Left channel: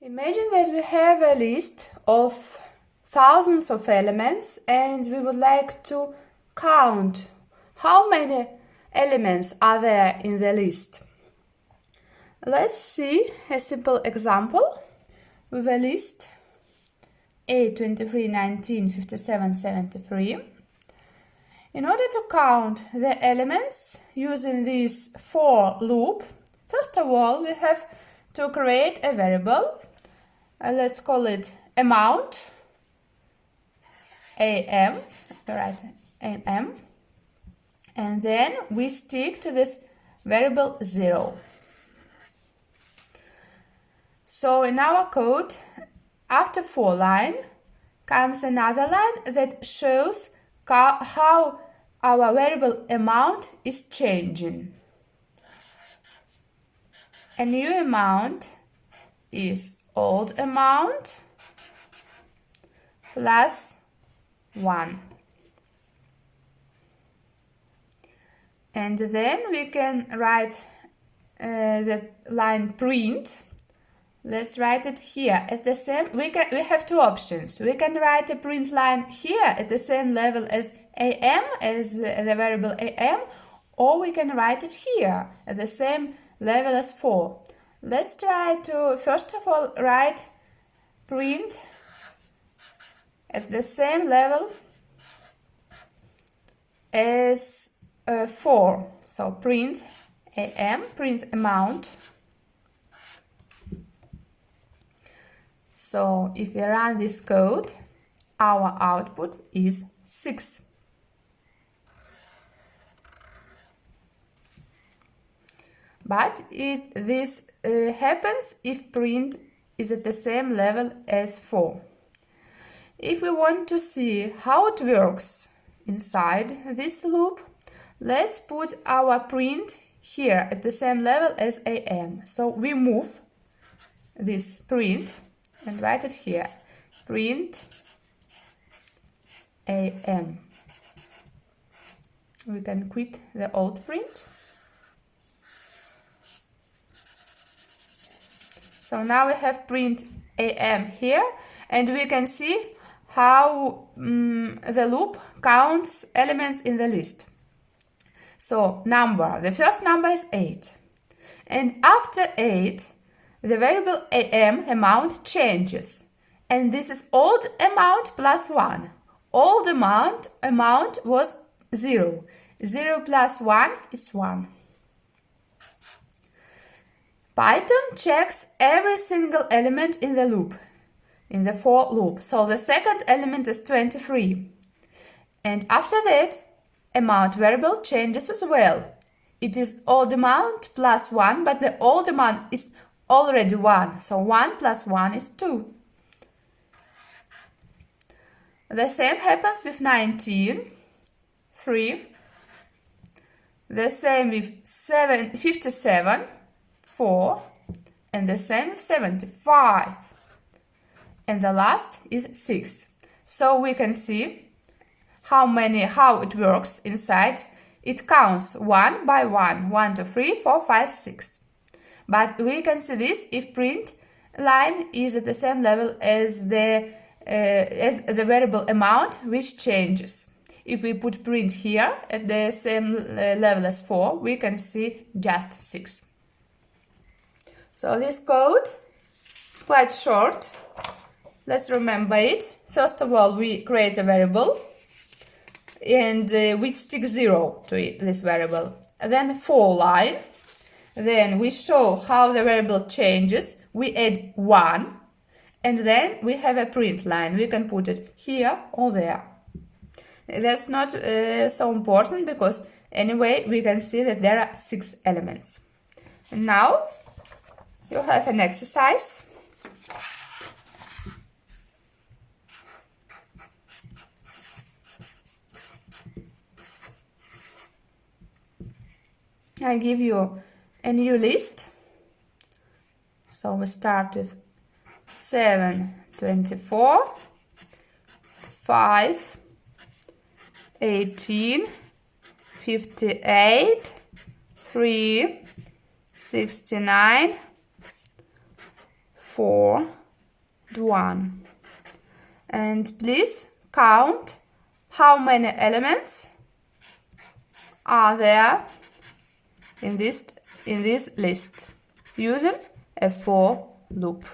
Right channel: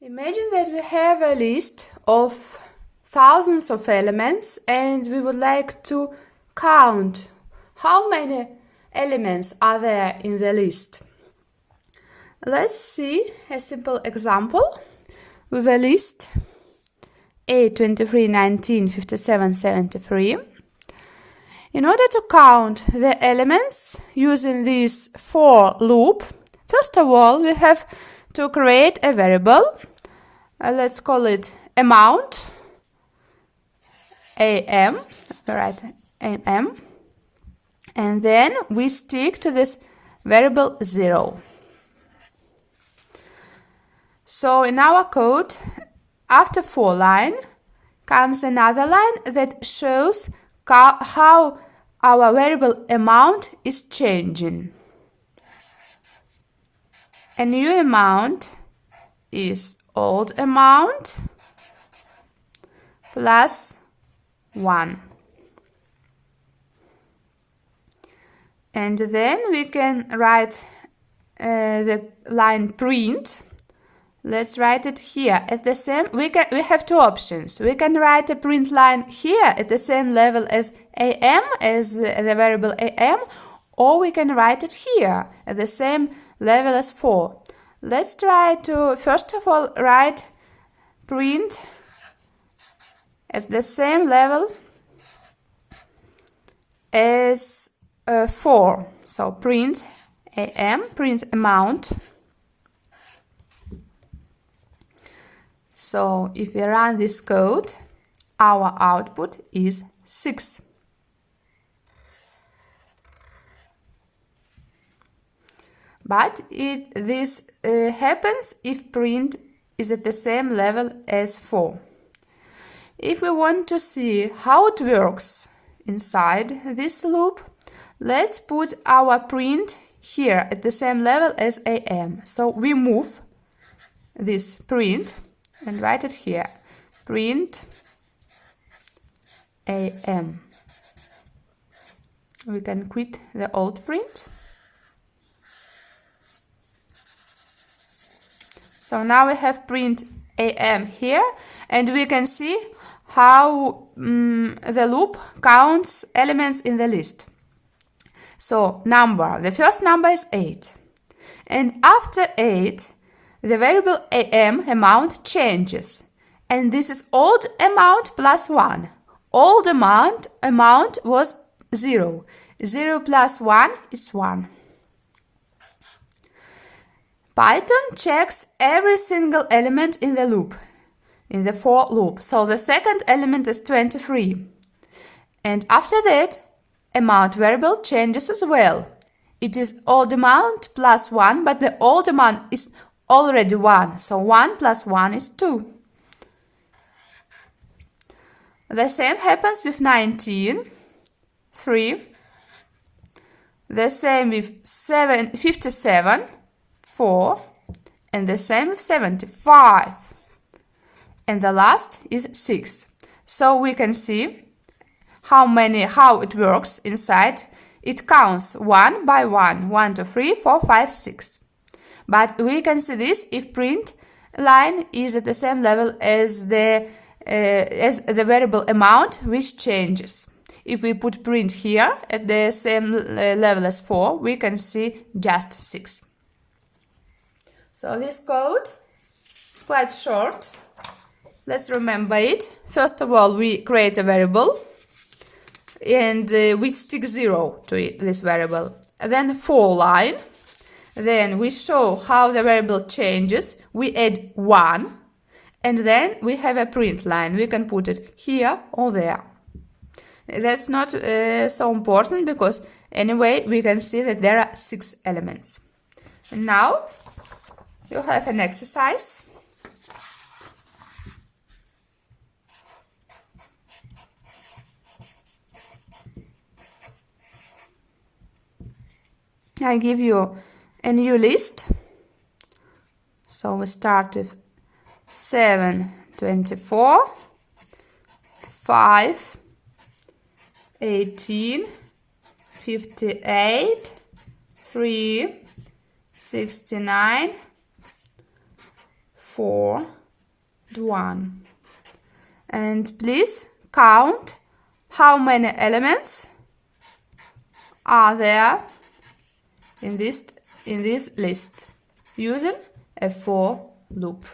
Imagine that we have a list of thousands of elements and we would like to count how many elements are there in the list. Let's see a simple example with a list 8, 23, 19, 57, 73. In order to count the elements using this for loop, first of all we have to create a variable. Let's call it amount, am, right, am, and then we stick to this variable 0. So in our code, after for line comes another line that shows how our variable amount is changing. A new amount is old amount plus 1. And then we can write the line print. Let's write it here at the same. We have two options. We can write a print line here at the same level as am, as the variable am, or we can write it here at the same level as 4. Let's try to first of all write print at the same level as 4. So print am, print amount. So if we run this code, our output is 6. But this happens if print is at the same level as 4. If we want to see how it works inside this loop, let's put our print here at the same level as am. So we move this print and write it here, print am. We can quit the old print. So now we have print am here, and we can see how the loop counts elements in the list. So number, the first number is 8. And after 8, the variable am, amount, changes. And this is old amount plus 1. Old amount was 0. 0 plus 1 is 1. Python checks every single element in the loop, in the for loop. So the second element is 23. And after that, amount variable changes as well. It is old amount plus 1, but the old amount is already 1. So 1 plus 1 is 2. The same happens with 19, 3. The same with 57, 4, and the same with 75. And the last is 6. So we can see how it works inside. It counts 1 by 1, 1, 2, 3, 4, 5, 6. But we can see this if print line is at the same level as the variable amount, which changes. If we put print here at the same level as 4, we can see just 6. So this code is quite short. Let's remember it. First of all, we create a variable and we stick 0 to this variable. Then for line. Then we show how the variable changes. We add 1. And then we have a print line. We can put it here or there. That's not so important because anyway we can see that there are 6 elements. And now you have an exercise. I give you a new list. So we start with 7, 24, 5, 18, 58, 3, 69, 4, 1. And please count how many elements are there in this list using a for loop.